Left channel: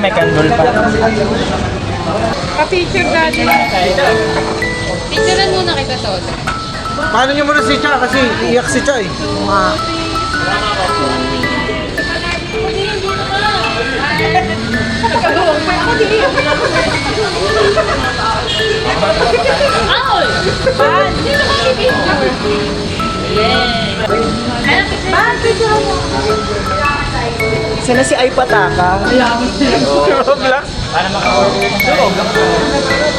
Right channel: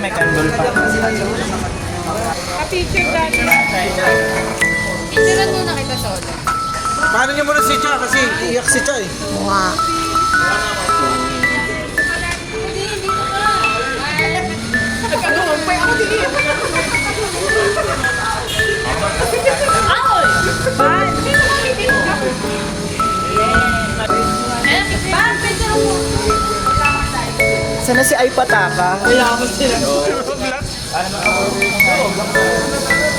may candle pa. Pa-picture natin. Picturean muna kita, Tol. Paano niyo muna si Cha kasi iyak si Cha eh. Owl! Ban! Ban, picture mo. Sana si Ay Pataka. Para makakuha.